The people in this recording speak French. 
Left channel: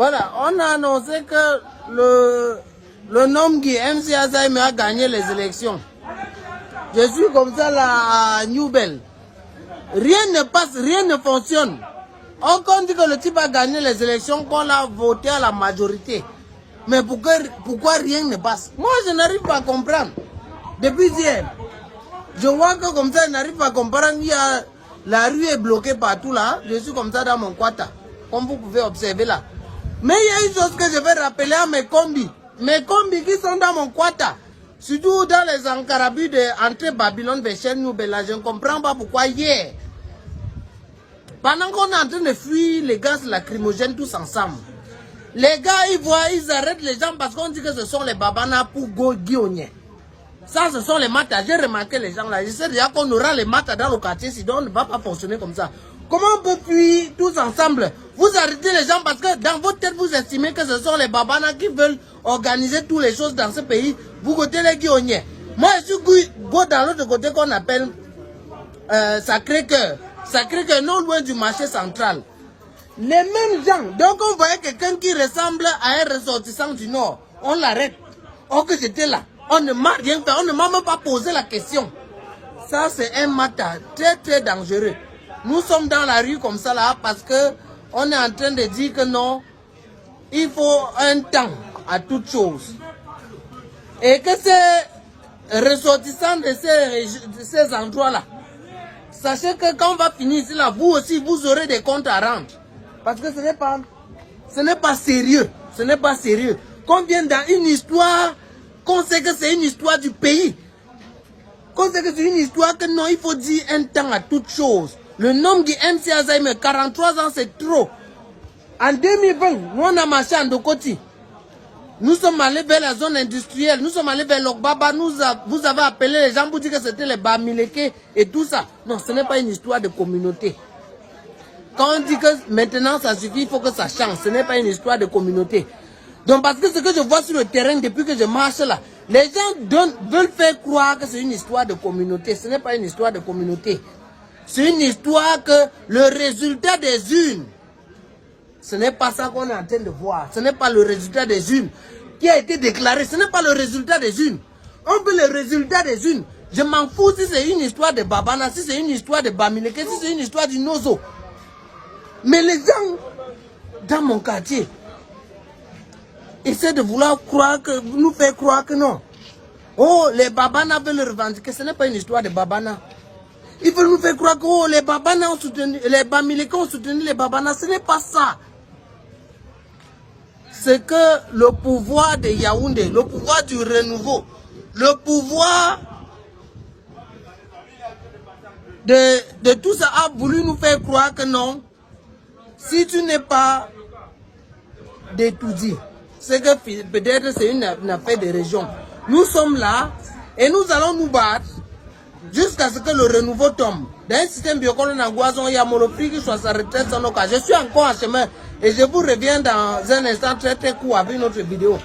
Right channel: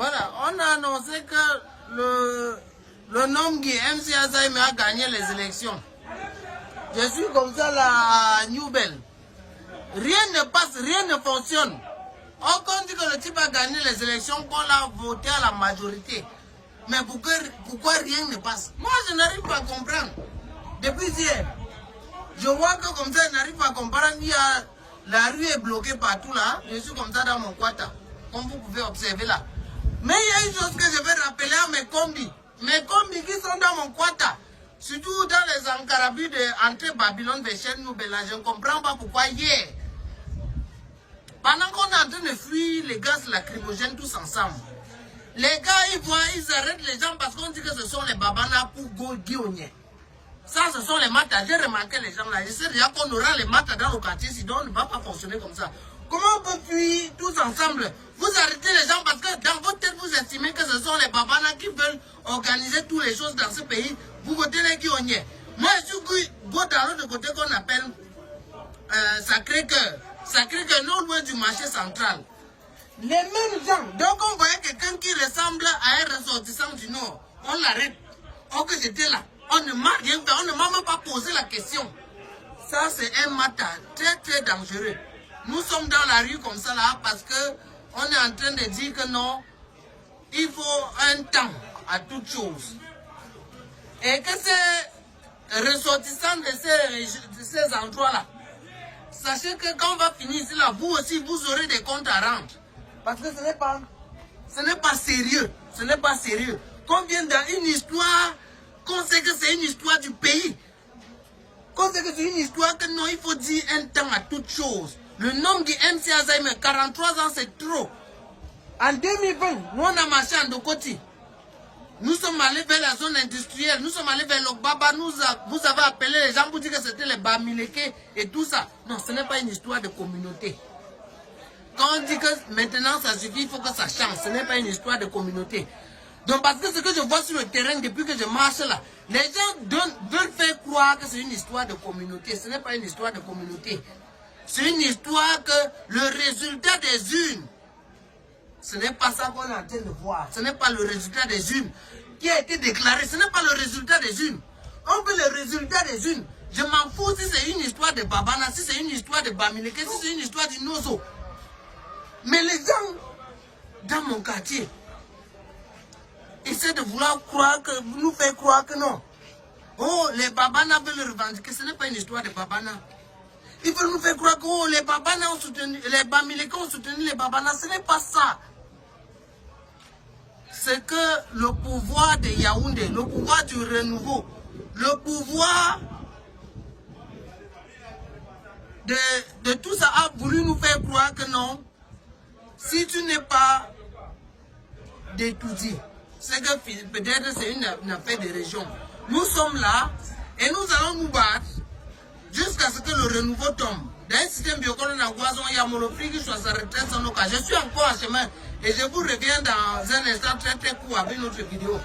Voilà, on a annoncé que le nom Guy MC Azaïme a gagné les élections. Je suis comme ça là à New Bell. Rien ne passe, rien ne fonctionne. On dit que le type a gagné les élections, qu'on l'a voté à la majorité. Mais pourquoi rien ne passe? Moi, je n'arrive pas à comprendre. Depuis hier, je vois que comme ça, je n'arrive pas à comprendre. La rue est bloquée partout là. Je suis comme ça dans mon quata, comme vous pouvez observer là. Mais il y a une chose que je vais rappeler à mes combis. Mes combis qui sont dans mon quata. Surtout dans les encarabus entre Babylone et Cher New Bella. Je ne comprends pas pourquoi hier, pendant qu'on est en train de fuir les gaz lacrymogènes tous ensemble, les gars, ils arrêtent les gens parce qu'on dit que ce sont les babanas pour go guillonner. Ça, ce sont les matas. J'ai remarqué les gens là. Je sais déjà qu'on aura les matas dans le quartier, sinon on ne va pas fonctionner comme ça. Comment on peut fuir tous ensemble? Vous arrêtez les gens parce que dans votre tête, vous estimez que ce sont les babanas qui veulent organiser toutes les choses dans ce pays. Vous côté les guillonniers. Moi, je suis go dans l'autre côté qu'on appelle Sacré-Cœur. Sacré-Cœur, non loin du marché central. Les mêmes gens. Donc on voyait quelqu'un qui ressemble à un ressortissant du Nord. On l'arrête. Oh que j'étais là. On ne m'a rien fait. On ne m'a même pas posé la question. Ça c'est un matin très très dangereux. Nous sommes dans la rue comme ça là parce que on est en train de dire que non, il faut un temps à toute chose. Et que ces ressortissants de ces endroits-là, sachez que quand on va finir ici là, vous aussi, vous aurez des comptes à rendre. Parce que ce n'est pas sérieux. Ce n'est pas sérieux. Qu'on vienne dans une histoire, qu'on sait que c'est une histoire du pays. Qu'on sait que c'est une histoire que non, il faut dire un temps à toute chose. Le nom de MC Azaïme, 43 ans, c'est trop. En 2020, nous on a marché en Dokoti. Nous sommes allés vers la zone industrielle, nous sommes allés vers l'Okbaba, vous avez appelé les gens pour dire que c'était les Bamileke et tout ça. Non, ce n'est pas une histoire de communauté. Quand on dit que maintenant ça suffit, il faut que ça change. Ce n'est pas une histoire de communauté. Donc parce que ce que je vois sur le terrain depuis que je marche là, les gens veulent faire croire que c'est une histoire de communauté. Ce n'est pas une histoire de communauté. C'est une histoire que le résultat des urnes, ce n'est pas ça qu'on est en train de voir. Ce n'est pas le résultat des urnes qui a été déclaré. Ce n'est pas le résultat des urnes. On veut le résultat des urnes. Je m'en fous si c'est une histoire de Babana, si c'est une histoire de Bamileke, si c'est une histoire du Nozo. Mais les gens dans mon quartier essaient de vouloir nous faire croire que non. Oh, les Babana veulent le revendiquer. Ce n'est pas une histoire de Babana. Ils veulent nous faire croire que oh, les Babana ont soutenu, les Bamileke ont soutenu les Babana. Ce n'est pas ça. C'est que le pouvoir de Yaoundé, le pouvoir du renouveau, le pouvoir de tout ça a voulu nous faire croire que non. Si tu n'es pas d'étudier, c'est que peut-être c'est une affaire de région. Nous sommes là et nous allons nous battre jusqu'à ce que le renouveau tombe. Dans un système biocolon en Guazon, il y a Monoprix qui soit sa retraite sans nos cas. Je suis encore en chemin et je vous reviens dans un instant très très court avec une autre vidéo.